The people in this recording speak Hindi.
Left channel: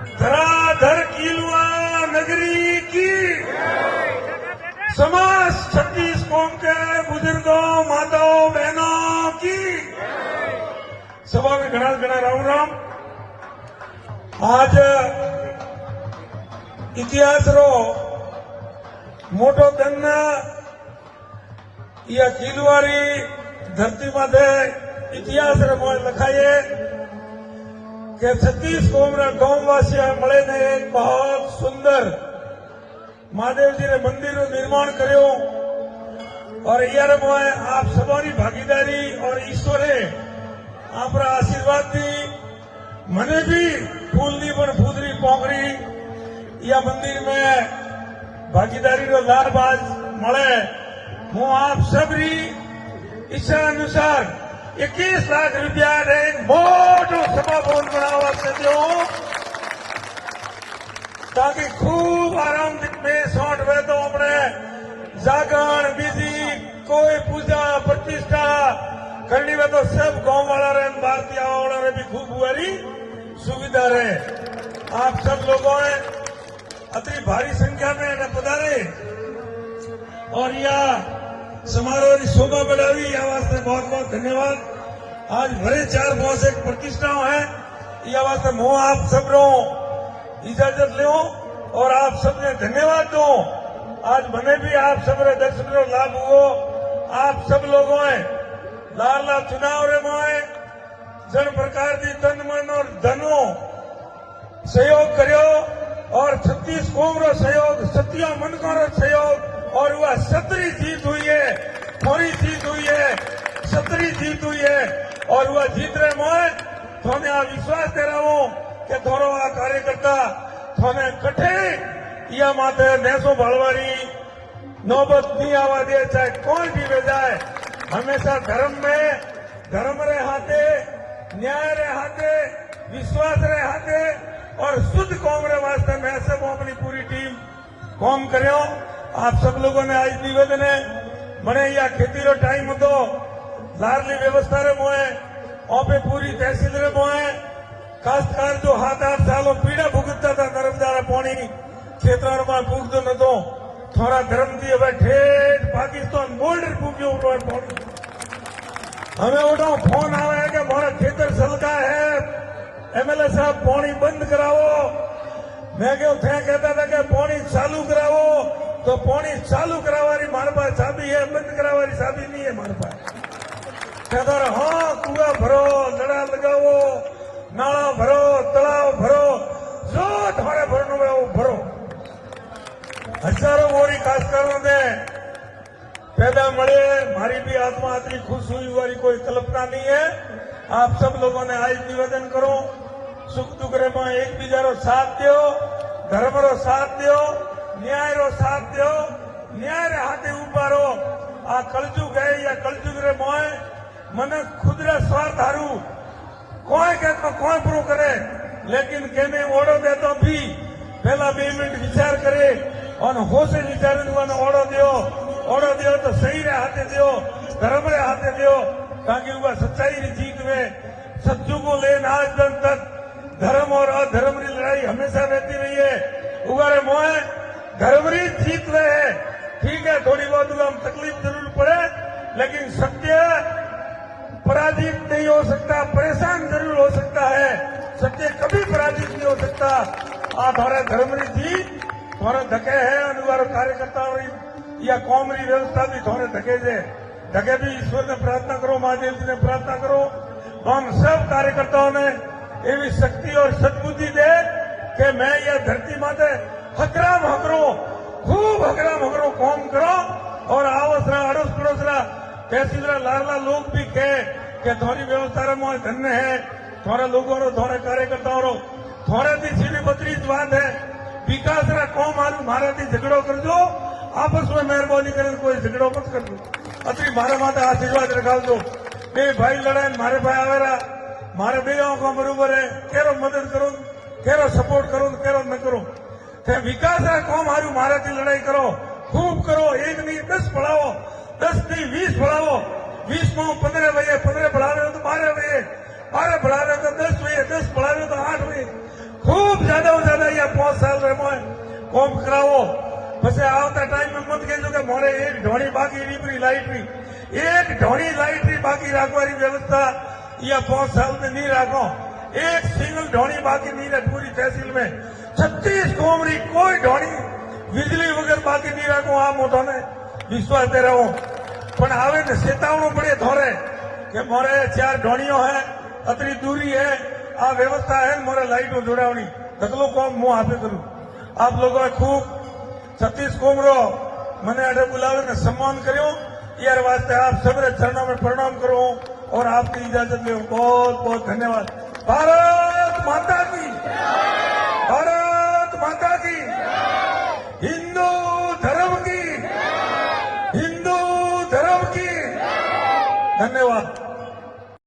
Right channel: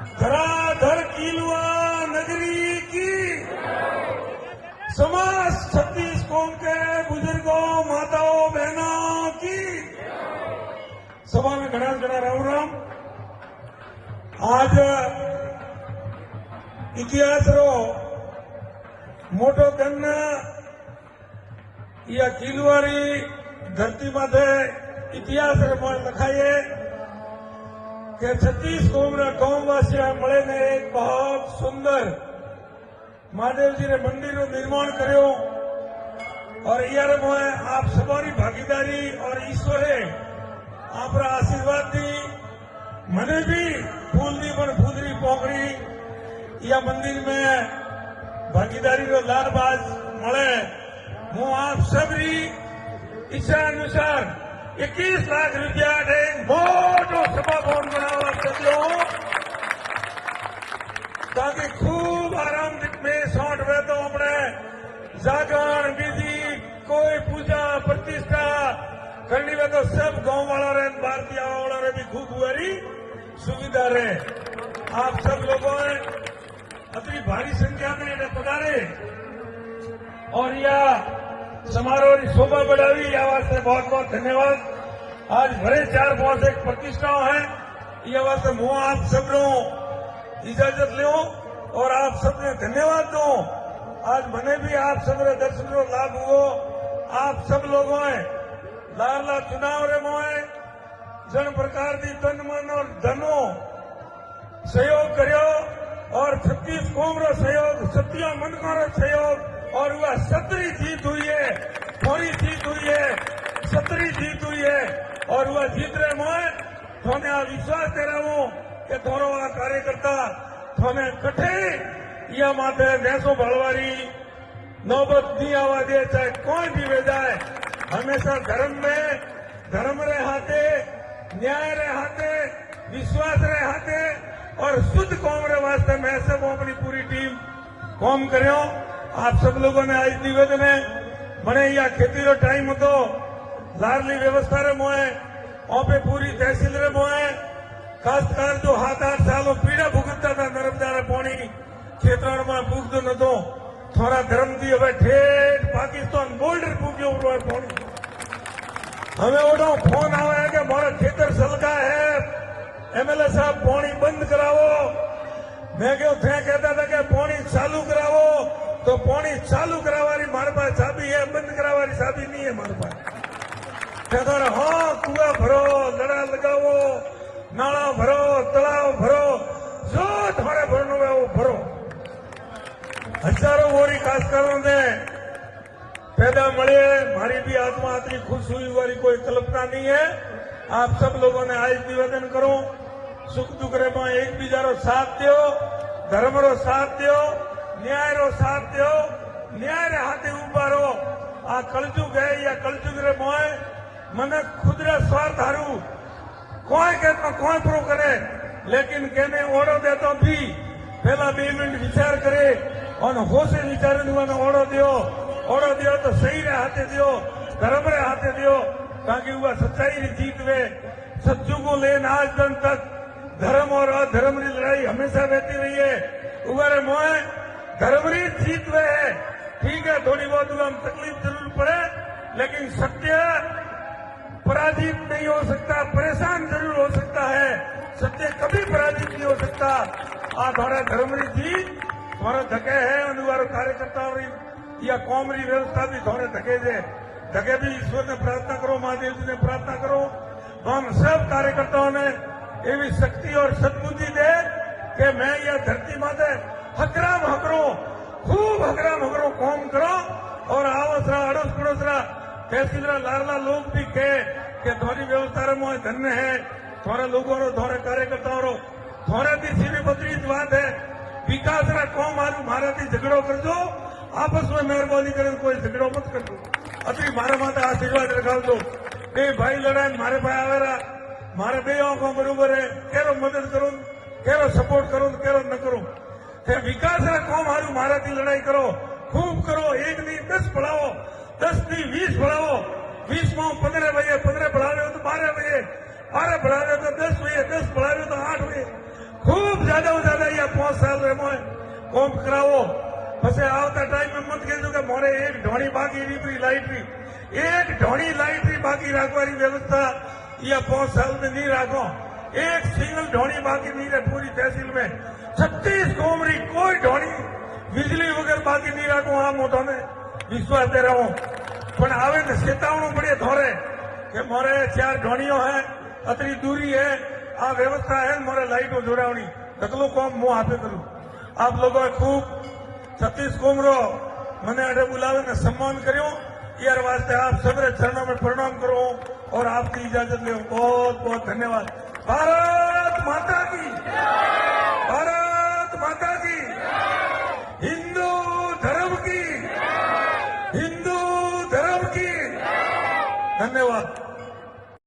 धराधर कीलवा नगरी की समाज 36 कौम के बुजुर्गों माताओं बहनों की सभा में घना घना राम राम। आज इतिहास रो मोटो कन्ना या कीलवारी धरती माथे इतिहास रे मोए लखाये कि 36 कौम ना गांववासी मळे ने एक बहुत सुंदर महादेव जी ने मंदिर નું निर्माण કર્યો और यार मोए आप सबरी भागीदारी और ईश्वरे आपरा आशीर्वाद दी मने भी फूल दी पर फूदरी पोकरी या मंदिर में भागीदारी नो लाभ आज मळे। हूँ आप सबरी इच्छा अनुसार 21 लाख रुपया एक मोटू सपना पूर्ण करवा ताकि खूब आराम में 60 रुपए तो अपने जागरण विधि कोई पूजा प्रतिष्ठा करनी में तो सब गांव वाला रहे भारतीय वाला भी खूब हुआरी सुविधा रहे। आप सब लोगों ने अति भारी संख्या में पधारे और यह समारोह की शोभा बढ़ावी वास्ते बहुत बहुत धन्यवाद। आज भले 4-5 एक प्रतिष्ठा है यह वास्ते मैं आप सब लोग इजाजत लो और आप सबने धन्यवाद दो। आज मैंने भी आप सब दर्शक लाभ हुआ। आप सब लोगों ने लाला चुनाव रे माए जन प्रकार की तन मन और धनो सहयोग करो और 36 कौम रो सहयोग 27 मनकों रो सहयोग और वह 17 जीत हुई है, थोड़ी जीत हुई है, 17 जीत हुई है और वह जीत रहे मैं थोने आ विश्वास दे रहा हूं कि थोड़ा आ कार्यकर्ता थोने कठे या मात्र भैंसों भलवारी नौबत नहीं आवा दे चाहे कौन भी ले जाए हमेशा धर्म रे हाथे न्याय रे हाथे विश्वास रे हाथे और शुद्ध कौम रे वास्ते मैं सब अपनी पूरी टीम कौम करो। आप सब लोगों ने आज निवेदन है बने या खेती रो टाइम હતો લારની વ્યવસ્થા રે મોએ ઓપે પૂરી તહેસીલ રે મોએ ખાસકાર जो 7-8 सालों पीड़ा भुगतता था नर्मदा रा पानी खेतर में पूछतो नतो थोड़ा गरम दिए बैठे पाकिस्तान बोर्डर पूछो हमें वो फोन आया कि बहुत खेतर चलता है एमएलए साहब पानी बंद कराओ। मैं क्यों कहता था कि पानी चालू कराओ तो पानी चालू करावारी मारे पास चाबी है बंद करावारी चाबी नहीं है मारे पास। अगर होना कुआं भरो लड़ा लगाओ नाला भरो तलाव भरो जो थोड़ा भरना है वो भरो। हजारों मोरी खास करेंगे पैदा मरे मारी भी आत्मा इतनी खुश हुई वाली कोई कल्पना नहीं है। आप सब लोगों ने आज निवेदन करो सुख दुख में एक बीजा रो साथ दो धर्म रो साथ दो न्याय रो साथ दो न्याय रे हाथे उबारो। आ कलजुग है या कलजुग रे मोए मने खुद रे स्वार्थ हारू कोई कहता कौन पूरो करे लेकिन कहने ओढ़ो दे तो भी पहला 2 मिनट विचार करे और होश विचार ओढ़ो दियो तो सही रे हाथे दियो धर्म रे हाथे दियो ताकि वह सच्चाई की जीत में सत्यों को ले आज दिन तक धर्म और अधर्म की लड़ाई हमेशा रहती रही है। उगारे मोए धर्म ही जीत रहे हैं ठीक है थोड़ी बहुत हम तकलीफ जरूर पड़े लेकिन सत्य पराजित नहीं हो सकता परेशान जरूर हो सकता है सत्य कभी पराजित नहीं हो सकता। आप हमारे धर्म की जीत थोड़े धके है अनुसार कार्यकर्ताओं या कौम की व्यवस्था भी थोड़े धके से धके भी ईश्वर ने प्रार्थना करो महादेव जी ने प्रार्थना करो हम सब कार्यकर्ताओं ने एवं शक्ति और सद्बुद्धि दे कि मैं यह धरती माते हकराम हकरो खूब हकराम हकरो कौम करो और आवस अड़ोस पड़ोस तहसील लाला लोग भी कहे कि थोड़ी व्यवस्था में धन्य है थोड़े लोगों रो थोड़े कार्यकर्ताओं रो थोड़े की सीधी बचरी बात है विकास कौम आलू मारा थी झगड़ो कर दो आपस में मेहरबानी कर कोई झगड़ो मत कर दो अच्छी मारे माता आशीर्वाद रखाव दो ए भाई लड़ाई मारे भाई आवेला मारे बे आंखों बरोबर है केवल मदद करूं केवल सपोर्ट करूं केवल न करूं फिर विकास है कौन हारू मारे थी लड़ाई करो खूब करो 1 नहीं 10 बढ़ाओ 10 नहीं 20 बढ़ाओ 20 को 15 बजे 15 बढ़ा रहे हो तो 12 बजे 12 बढ़ा रहे तो 10 बजे 10 बढ़ा रहे हो तो 8 बजे खूब ज्यादा કોમ કરાવો પછી આવતા ટાઈમ મત કહેજો કે મારે એક ઢોળી બાકી નીકળી લાઇટની એક ઢોળી લાઇટની બાકી રાખવાની વ્યવસ્થા અહીંયા 5 साल में नहीं રાખો एक सिंगल ढोड़ी बाकी नहीं रहे पूरी तहसील में 36 कोमड़ी कोई ढोड़ी बिजली वगैरह बाकी नहीं रखो आ मोटो ने विश्वास दे रहा हूं पर आवे ने चेतावनी पड़े थोड़े कि मोरे 4 ढोड़ियों है अतरी दूरी है आ व्यवस्था है मोरे लाइटों जोड़ावनी अगलो कौन मुंह आपे करूं आप लोगों ने खूब 36 कोमड़ो मैंने अडे बुलावे ने सम्मान करो यार वास्ते आप सबरे चरणों में प्रणाम करो और आपकी इजाजत लो बहुत बहुत धन्यवाद भारत माता की हिंदू धर्म की धन्यवाद।